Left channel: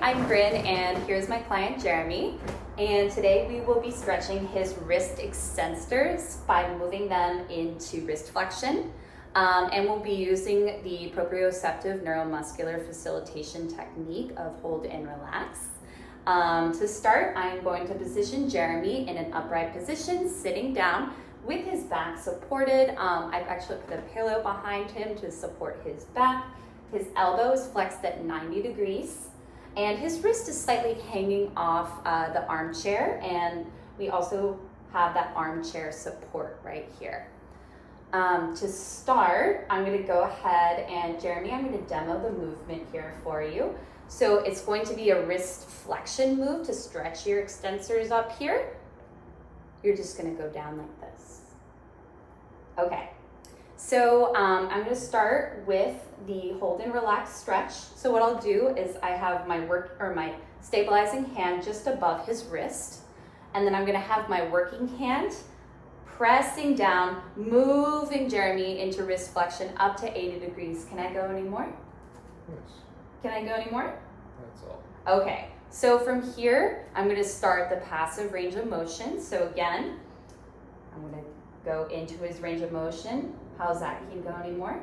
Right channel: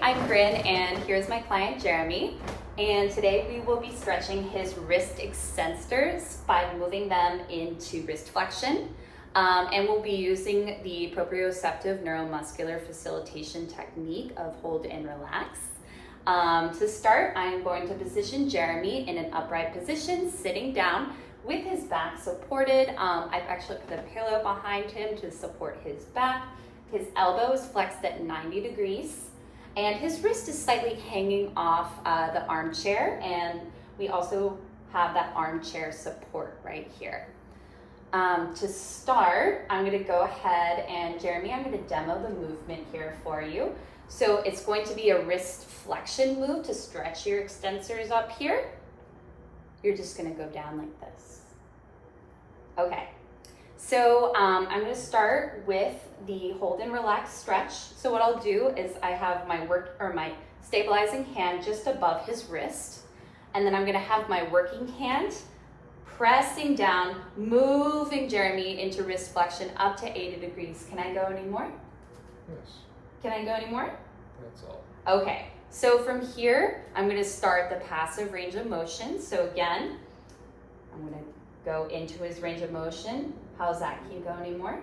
Hi, I'm Bryn, and here's my client Jeremy. And today we will be stretching his wrist extensors by moving them into wrist flexion. And we'll be using the proprioceptive neuromuscular facilitation technique of hold and relax. To start, I'm going to position Jeremy in an upright position, sitting down with his back supported. I've actually put a pillow behind him to support his back. His elbow is flexed at 90 degrees. And his wrist is slightly hanging off the armchair, and we also have that armchair support right here. To start, I'm going to go ahead and Jeremy, I'm going to demo the movement here for you. So it's going to be a wrist flexion move to stretch your extensors up here. You're just going to go down like this. Okay. So I'm going to start with the hold and relax stretch. So what I'll do is I have my stabilizing hand just above his wrist, and then I'm going to have my working hand pressing down, moving Jeremy into wrist flexion up to 80 degrees. Can I go any more? Yes. Can I go any more? That's all. Okay. So from here, I'm going to start the passive range of motion. So again, I'm going to go into his range of motion. How's that? Can you go anymore?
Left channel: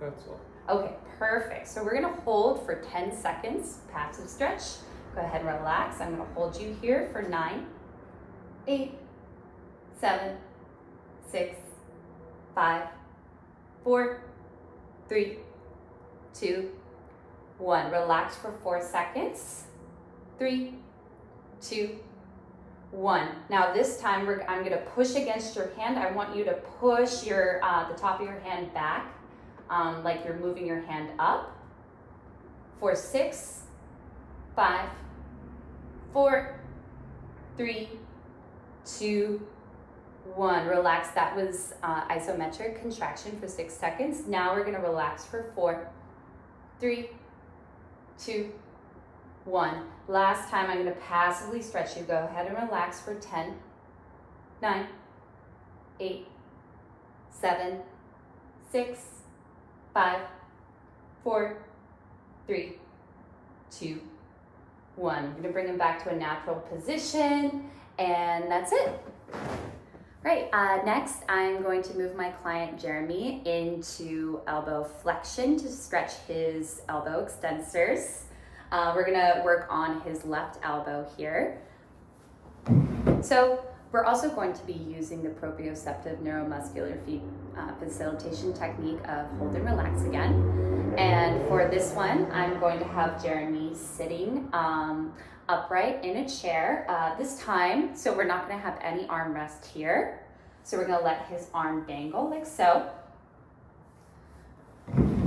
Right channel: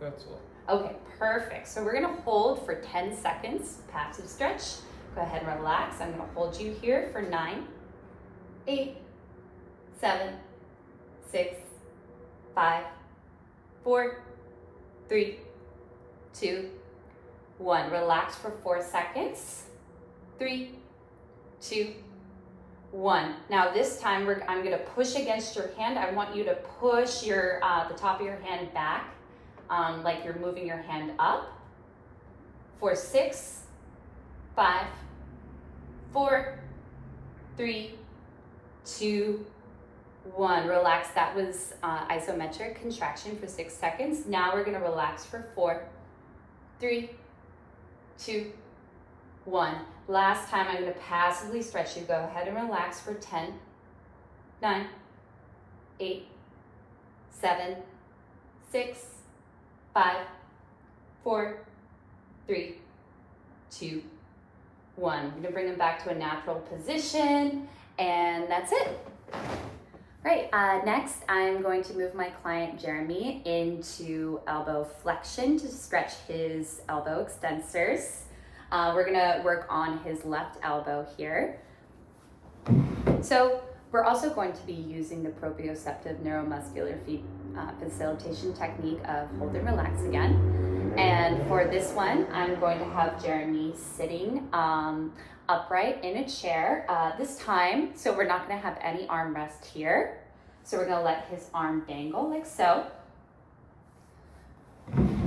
That's all. Okay, perfect. So we're gonna hold for 10 seconds, passive stretch. Go ahead and relax. I'm gonna hold you here for 9, 8, 7, 6, 5, 4, 3, 2, 1. Relax for 4 seconds. 3, 2, 1. Now this time I'm going to push against your hand. I want you to push your the top of your hand back, like you're moving your hand up. For 6, 5, 4, 3, 2, 1. Relax. That was isometric contraction for 6 seconds. Now we're going to relax for 4, 3, 2, 1. Last time, I'm going to passively stretch you. Go ahead and relax for 10, 9, 8, 7, 6, 5, 4, 3, 2, 1. I'm going to bring him back to a natural position, and that's it. Right, next I'm going to move my client Jeremy into elbow flexion to stretch his elbow extensors. We're gonna work on his left elbow here. So we're also going to be using the proprioceptive neuromuscular facilitation technique of hold and relax again. And for this one, I'm going to have Jeremy sitting upright in a chair this time. So we're not gonna have any arm rest here. So we're gonna let his arm dangle like so.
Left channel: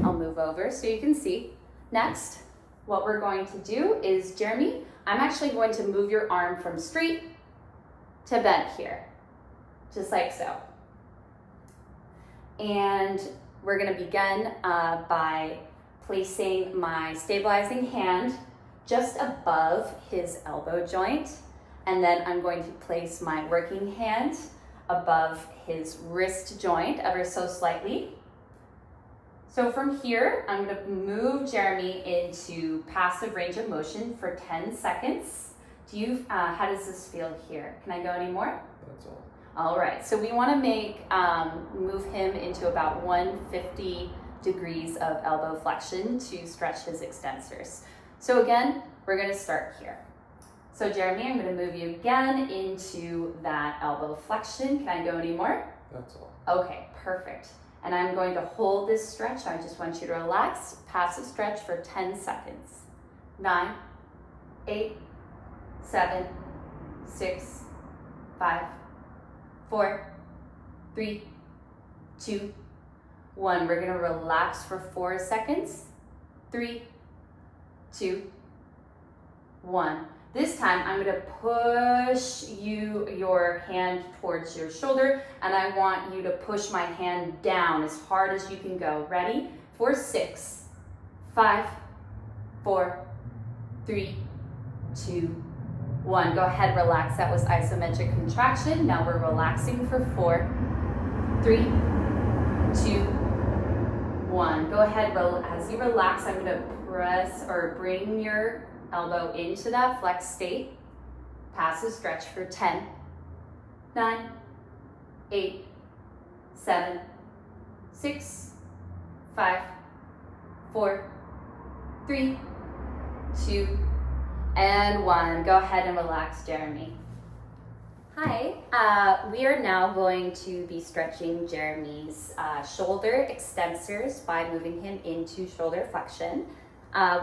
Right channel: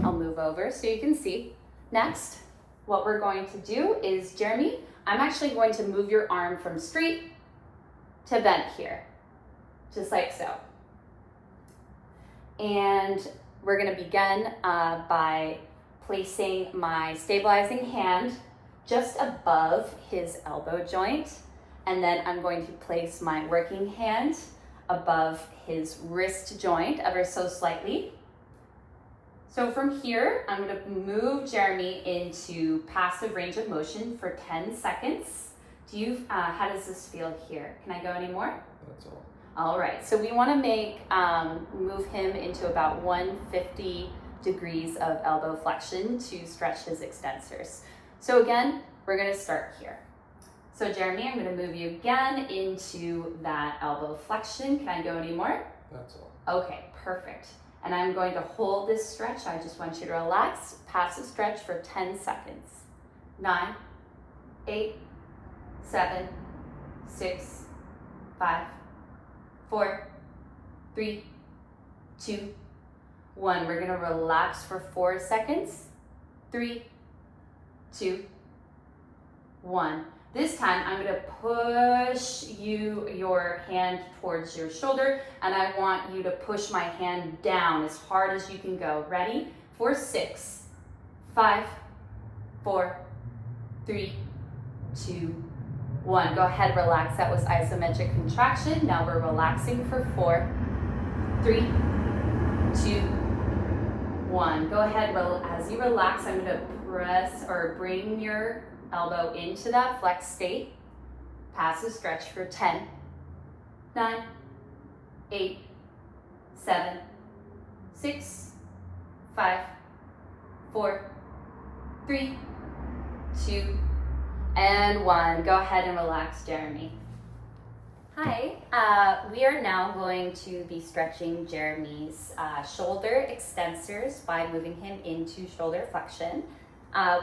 I'll move over so you can see. Next, what we're going to do is, Jeremy, I'm actually going to move your arm from straight to bent here, just like so. And we're gonna begin by placing my stabilizing hand just above his elbow joint. And then I'm going to place my working hand above his wrist joint ever so slightly. So from here, I'm going to move Jeremy into passive range of motion for 10 seconds. How does this feel here? Can I go any more? That's all. All right, so we want to move him into about 150 degrees of elbow flexion to stretch his extensors. So again, we're going to start here. So Jeremy, I'm going to move you again into that elbow flexion. Can I go any more? That's all. Okay, perfect. And I'm going to hold this stretch. I just want you to relax. Passive stretch for 10 seconds. 9, 8, 7, 6, 5, 4, 3, 2, 1. We're gonna relax for 4 seconds. 3, 2, 1. This time, I'm gonna push your hand towards your shoulder, and I want you to push my hand down as hard as you can go. Ready? For 6, 5, 4, 3, 2, 1. Go ahead, relax. That was isometric contraction. Now we're relaxing for 4, 3, 2, 1. Go ahead, as you relax, I'm gonna press or bring your Elbow into that flex state. Passive stretch for 10, 9, 8, 7, 6, 5, 4, 3, 2, and 1. Go ahead and relax, Jeremy. Hi, we are now going to be stretching Jeremy's shoulder extensors by moving him into shoulder flexion.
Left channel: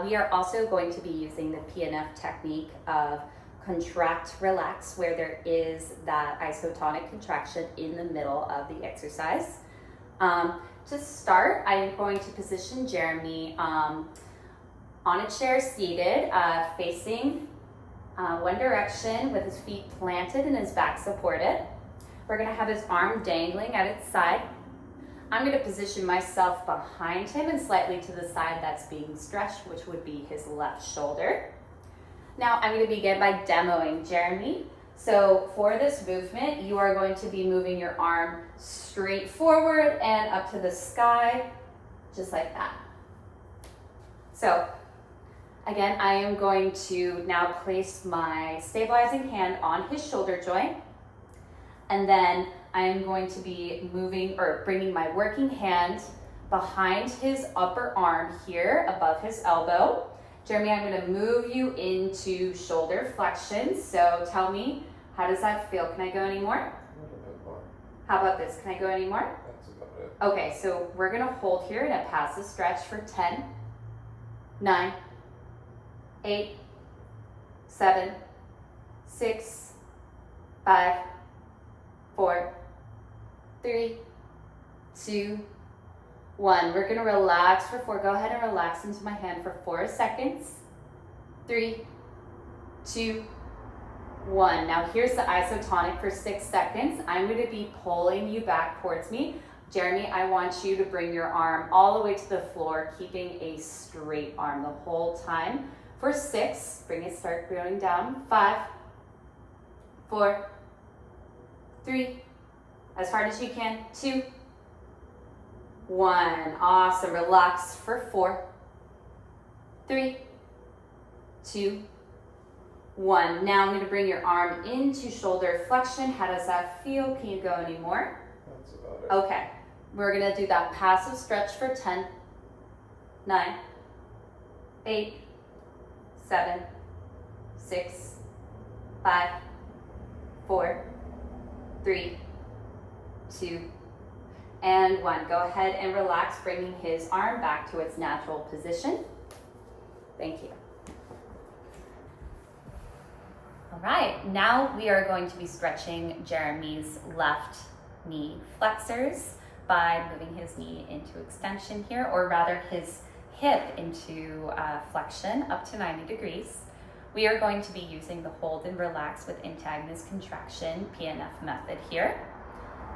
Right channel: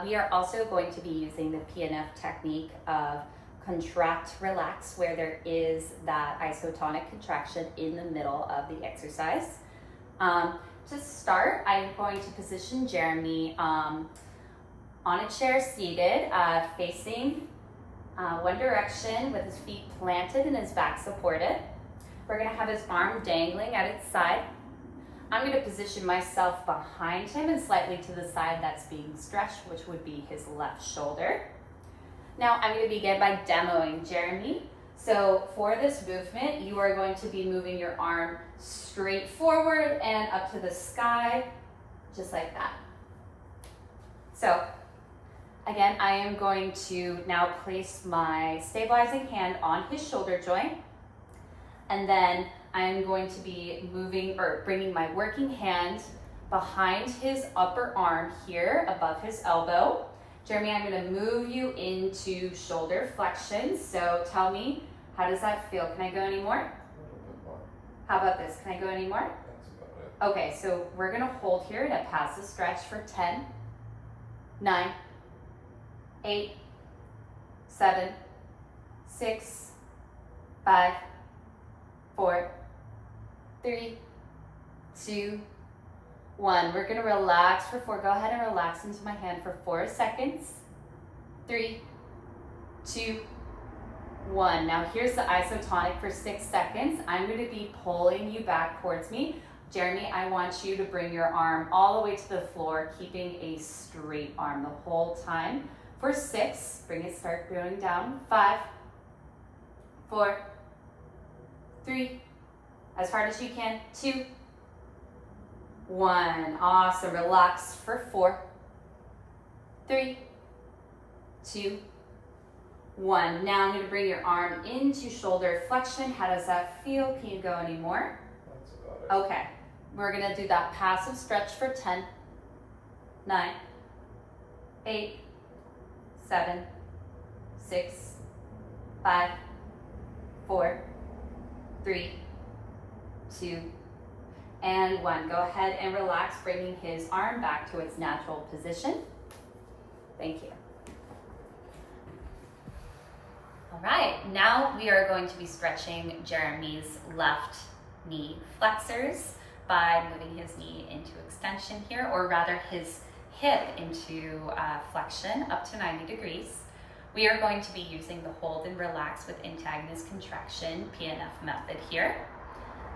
We are also going to be using the PNF technique of contract, relax, where there is that isotonic contraction in the middle of the exercise. To start, I'm going to position Jeremy on a chair seated, facing one direction with his feet planted and his back supported. We're gonna have his arm dangling at its side. I'm gonna position myself behind him and slightly to the side that's being stretched, which would be his left shoulder. Now I'm gonna begin by demoing Jeremy. So for this movement, you are going to be moving your arm straight forward and up to the sky, just like that. So again, I am going to now place my stabilizing hand on his shoulder joint, and then I am going to be moving or bringing my working hand behind his upper arm here above his elbow. Jeremy, I'm going to move you into shoulder flexion. So tell me, how does that feel? Can I go any more? A little bit more. How about this? Can I go any more? That's about it. Okay, so we're going to hold here in a passive stretch for 10, 9, 8, 7, 6, 5, 4, 3, 2, 1. We're gonna relax for 4. Go ahead and relax into my hand for 4 seconds. 3, 2, 1. Now here's the isotonic for 6 seconds. I'm gonna be pulling you back towards me. Jeremy, I want you to bring your arm all the way to the floor, keeping a straight arm the whole time. For 6, start going down. 5, 4, 3, as hard as you can. 2, 1. Awesome. Relax for 4, 3, 2, 1. Now I'm going to bring your arm into shoulder flexion. How does that feel? Can you go any more? That's about it. Okay. We're going to do that passive stretch for 10, 9, 8, 7, 6, 5, 4, 3, 2, and 1. Go ahead and relax, bringing his arm back to its natural position. Thank you. All right, now we are going to be stretching Jeremy's left knee flexors by moving his knee into extension here, or rather his hip into flexion up to 90 degrees. We are going to be using the hold and relax with antagonist contraction PNF method here.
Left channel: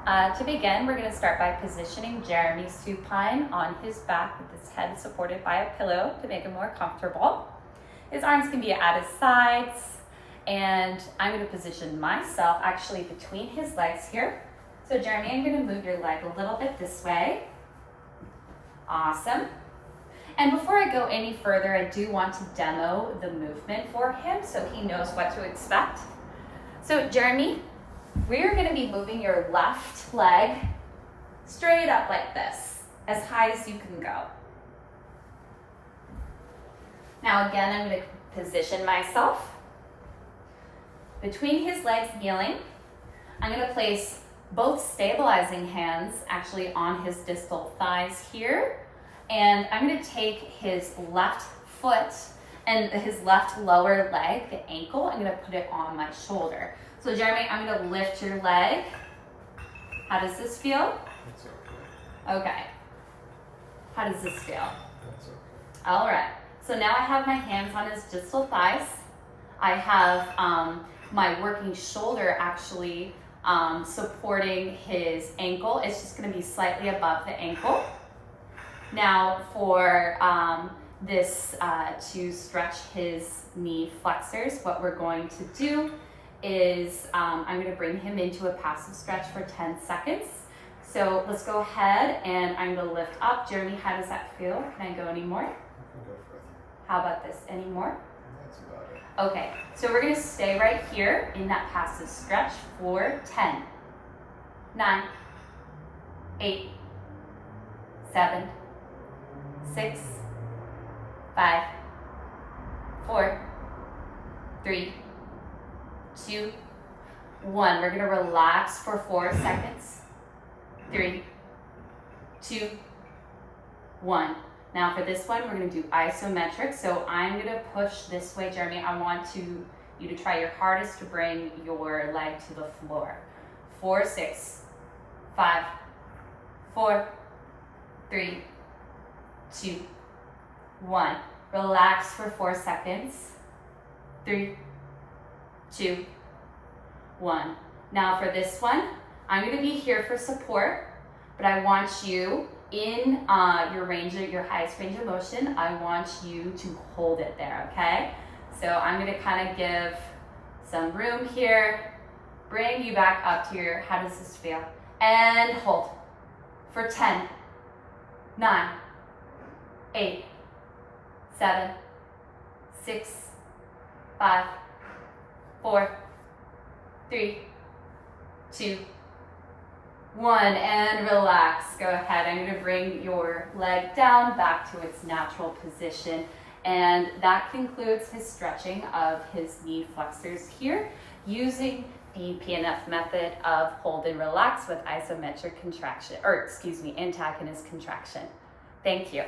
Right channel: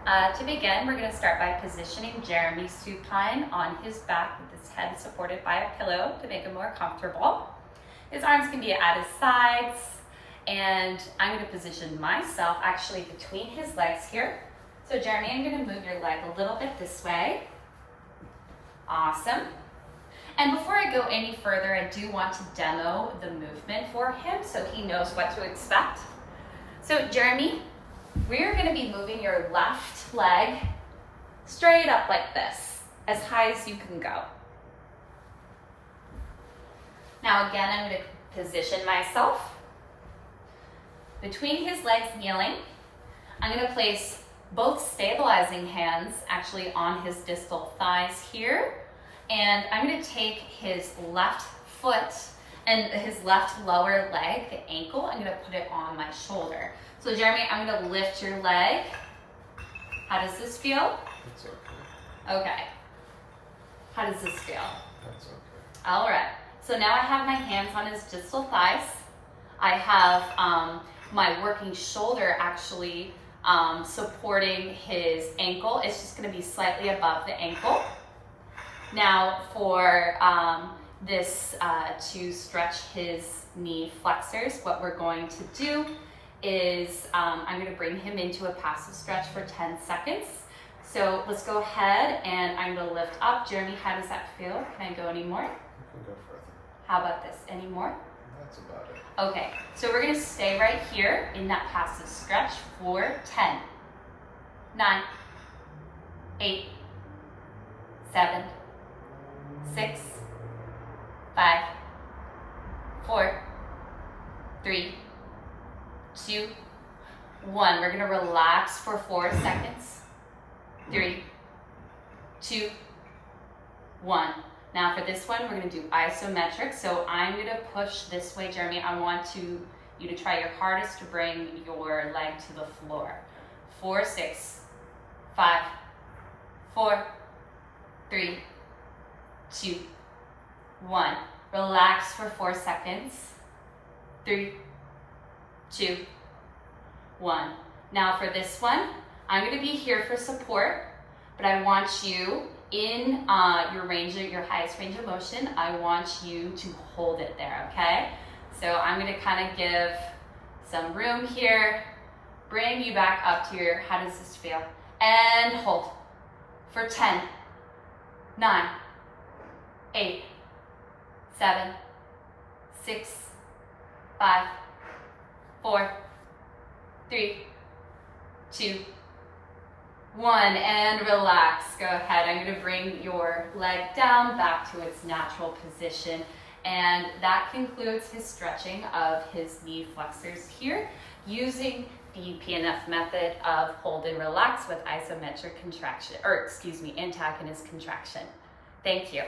To begin, we're going to start by positioning Jeremy supine on his back with his head supported by a pillow to make him more comfortable. His arms can be at his sides, and I'm going to position myself actually between his legs here. So Jeremy, I'm going to move your leg a little bit this way. Awesome. And before I go any further, I do want to demo the movement for him so he knows what to expect. So Jeremy, we're going to be moving your left leg straight up like this, as high as you can go. Now again, I'm going to position myself between his legs kneeling. I'm going to place both stabilizing hands actually on his distal thighs here. And I'm going to take his left foot and his left lower leg, the ankle, I'm going to put it on my shoulder. So Jeremy, I'm going to lift your leg. How does this feel? That's okay. Okay. How does this feel? That's okay. All right. So now I have my hands on his distal thighs. I have my working shoulder actually supporting his ankle. It's just going to be slightly above the ankle. Now for this to stretch his knee flexors, what we're going to do is I'm going to bring him into a passive stretch for 10 seconds. So let's go ahead and I'm going to lift up. Jeremy, how does that feel? Can I go any more? You can go further. How about this? Any more? That's about it. Okay, so we're gonna stay right here in that passive stretch for 10, 9, 8, 7, 6, 5, 4, 3, 2, 1. We're gonna relax for 4 seconds. 3, 2, 1. Now for this one, we're gonna do isometric. So I'm gonna push this way, Jeremy. I want you to try your hardest to bring your leg to the floor. 4, 6, 5, 4, 3, 2, 1. Relax for 4 seconds. 3, 2, 1. Now for this one, I'm gonna be here for support, but I want you in your highest range of motion, I want you to hold it there, okay? So I'm gonna kind of give some room here, bring you back up to your, how does this feel? And hold for 10, 9, 8, 7, 6, 5, 4, 3, 2, 1, and relax. Go ahead. I'm going to bring your leg down back to its natural position. And that concludes his stretching of his knee flexors here using the PNF method of hold and relax with isometric contraction, antagonist contraction. Thank you.